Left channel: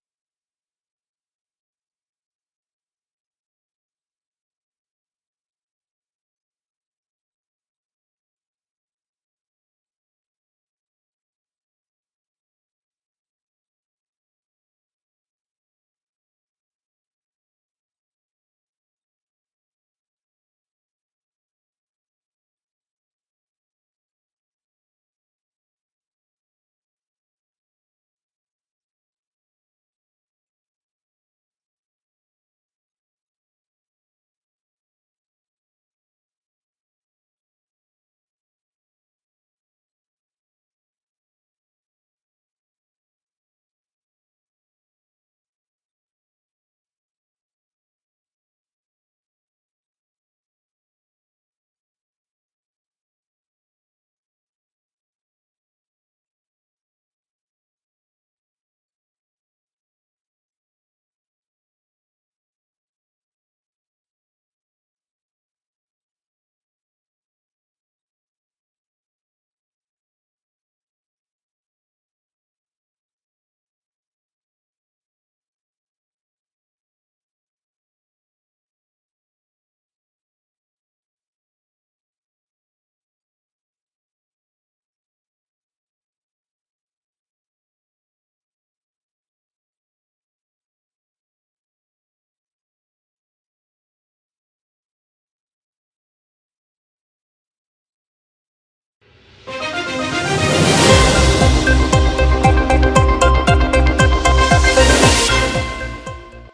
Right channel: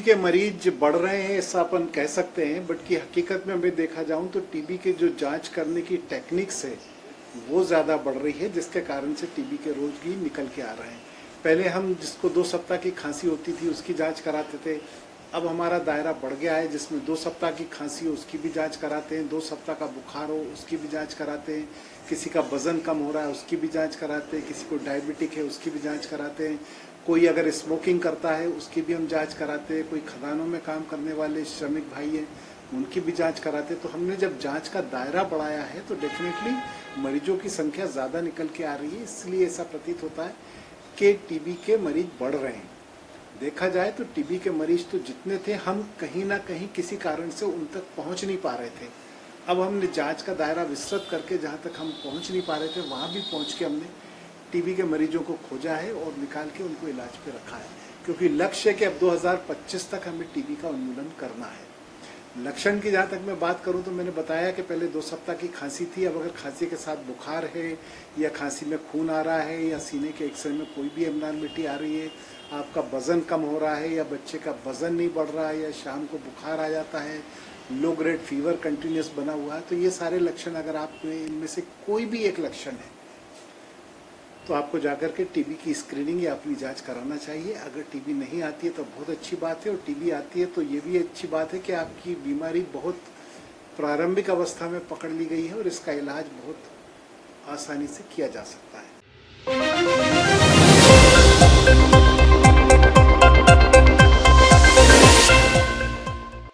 के मरीज बढ़ रहे हैं ऐसा अपन कह सकते हैं, बट की हकीकत में हमें देखा जाऊं तो टीबी के जो जांच करने की टेक्निक्स है वो ज़्यादा बढ़ रही है, जिसके कारण से टीबी के रोग भी निकल के आ रहे हैं। पहले हम जिसको 2 सप्ताह की खांसी होती थी उसकी जांच कराते थे, अब हमारा दायरा बढ़ गया है जिसमें 2 सप्ताह की खांसी हो उसकी भी जांच कराते हैं, 2 सप्ताह का बुखार हो उसकी भी जांच कराते हैं, किसी का वजन कम हो रहा है उसकी भी जांच कराते हैं, किसी को डायबिटिक है उसकी भी जांच कराते हैं, कोई अगर स्मोकिंग करता है उसकी भी हम जांच कराते हैं, कोई खदानों में काम करने वाले श्रमिक भाई हैं उनकी भी जांच कराते हैं। तो हमने जब जांच का दायरा बढ़ाया है तो डेफिनेटली मरीजों की संख्या ज़्यादा निकल के आ रही है, इसलिए ऐसा प्रतीत होता है कि टीबी के मरीज बढ़ रहे हैं। देखा जाए तो टीबी के मरीज तो जितने थे हम कहीं ना कहीं किसी कारण से उन तक पहुंच नहीं पा रहे थे। अब हमने जांच का दायरा विस्तृत करके जहां तक हम पहुंच नहीं पा रहे थे वहां भी पहुंच के हमने टीबी के मरीजों को खोजा है और निकाल के उनको इलाज पे रखा है, क्योंकि लक्ष्य है कि अब 2025 तक हमें टीबी का उन्मूलन करना है। लक्षण की जहाँ तक मैं बात करूँ तो मैंने बताया कि पहले 2 सप्ताह की खांसी थी, अब अगर खांसी के साथ बुखार है या खांसी में खून आ रहा है या सीने के एक्सरे में कोई भी एबनॉर्मलिटी आ रही है, आपका वजन कम हो रहा है या बच्चे का वजन नहीं बढ़ रहा है या शाम को बुखार आ जाता है, लो ग्रेड फीवर कंटिन्यूस बना हुआ है, तो ये सारे लक्षण अगर आप इनमें से कोई भी एक लक्षण है तो आपको जाकर के टीबी की स्क्रीनिंग या अपनी जांच कराना चाहिए। अगर टीबी नहीं आती है तो बहुत अच्छी बात है, और टीबी आती है तो ये भी अच्छी बात है कि आपकी बीमारी बहुत प्रारंभिक अवस्था में पकड़ ली गई है और इसका इलाज बहुत आसानी से किया जा सकता है।